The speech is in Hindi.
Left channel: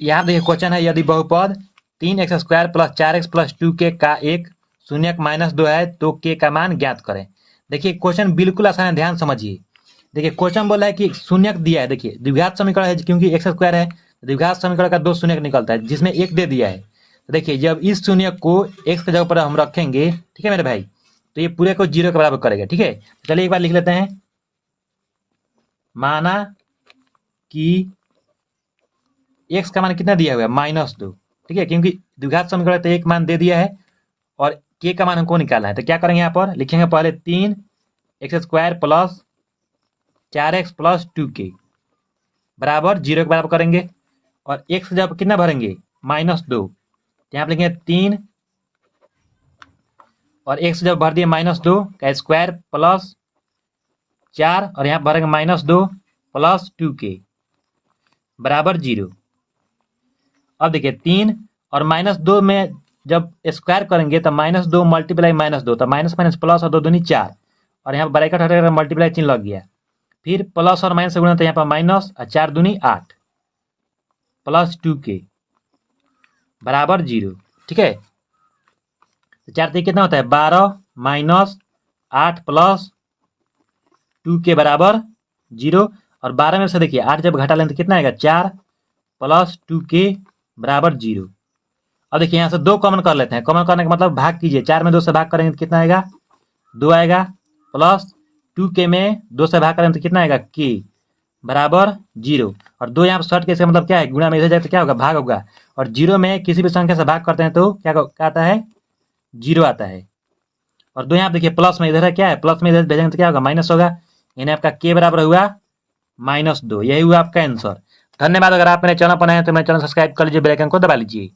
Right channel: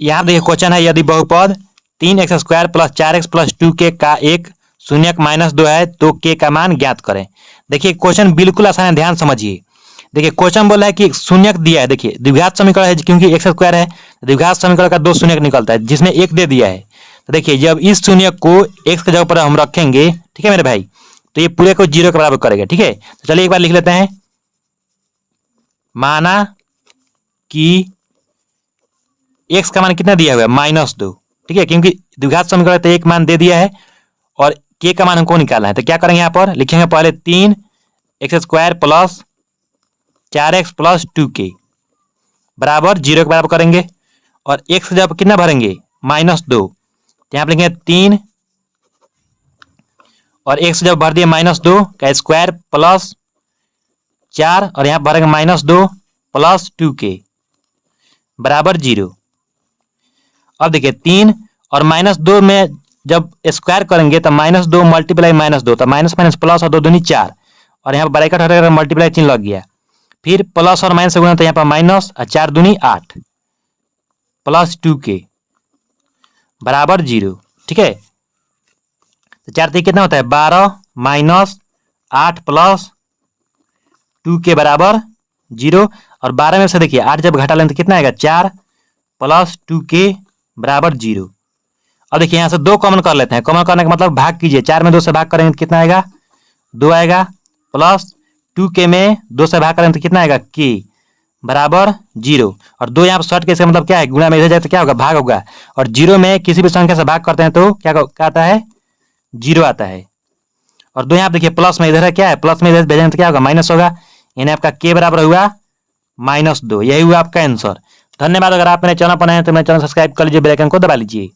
यहाँ देखिए क्वेश्चन है, यदि बहुपद 3x² + 4x + 2k का एक शून्यक -2 है तो k का मान ज्ञात करें। देखिए क्वेश्चन बिल्कुल आसान है, ध्यान समझिए। देखिए क्वेश्चन बोला है कि शून्यक दिया है। देखिए द्विघात समीकरण है, क्योंकि x² है, द्विघात समीकरण का 2 शून्यक निकलता है, जिसमें 1 दे दिया है। तो देखिए जब इस शून्यक को x की जगह पर हम रखेंगे, ठीक है मेरे भाई, तो ये पूरे को 0 के बराबर करेगा। ठीक है, तो चलिए एक बार लिख लेते हैं। माना कि x का मान कितना दिया हुआ है, -2। ठीक है, क्योंकि द्विघात समीकरण तो एक मान दे दिया है और k का मान हमको निकालना है। तो क्या करेंगे, यहाँ पर लिखेंगे पहले 3x² + 4x + 2k बराबर 0 के बराबर करेंगे, और x जब कितना भरेंगे, -2, तो यहाँ पर लिखेंगे 3 और x जब भर दिए -2 का स्क्वायर प्लस 4, और यहाँ भरेंगे -2 + 2k बराबर 0। अब देखिए 3 और -2 में जब स्क्वायर करेंगे तो -2 × -2, तो माइनस माइनस प्लस और 2 दूनी 4, और यहाँ पर ब्रैकेट हटेगा, मल्टीप्लाई चिन्ह लग गया। फिर प्लस और माइनस से गुना, तो यहाँ पर माइनस और 4 दूनी 8 + 2k बराबर 0। ठीक है, तो 4 3 कितना होता है, 12 - 8 + 2k बराबर 0। और 12 में से देखिए 8 जब घटा लें तो कितना आएगा, 4 + 2k बराबर 0। अब देखिए यहाँ से 2 कॉमन कर लेते हैं। कॉमन करने का मतलब भाग कीजिए, 4 में 2 से भाग करेंगे तो कितना आएगा, 2 आएगा, प्लस 2k में 2 से भाग करेंगे तो कितना आएगा, k बराबर 0। और 2 यहाँ पर शॉर्ट के, इसका मतलब क्या है, गुणा में इधर जाए तो क्या होगा, भाग होगा। और 0 में किसी भी संख्या से भाग करते हैं तो क्या आता है, 0 आता है। और 2 यहाँ पर देखिए प्लस में इधर है, क्या है, प्लस में इधर भेजेंगे तो क्या होगा, माइनस होगा। यानी आपका k बराबर हुआ -2। यही हुआ आपका आंसर। धन्यवाद। अगर आप मेरे चैनल पर नए हैं तो मेरे चैनल सब्सक्राइब कर लीजिए, बेल आइकन को दबा लीजिए।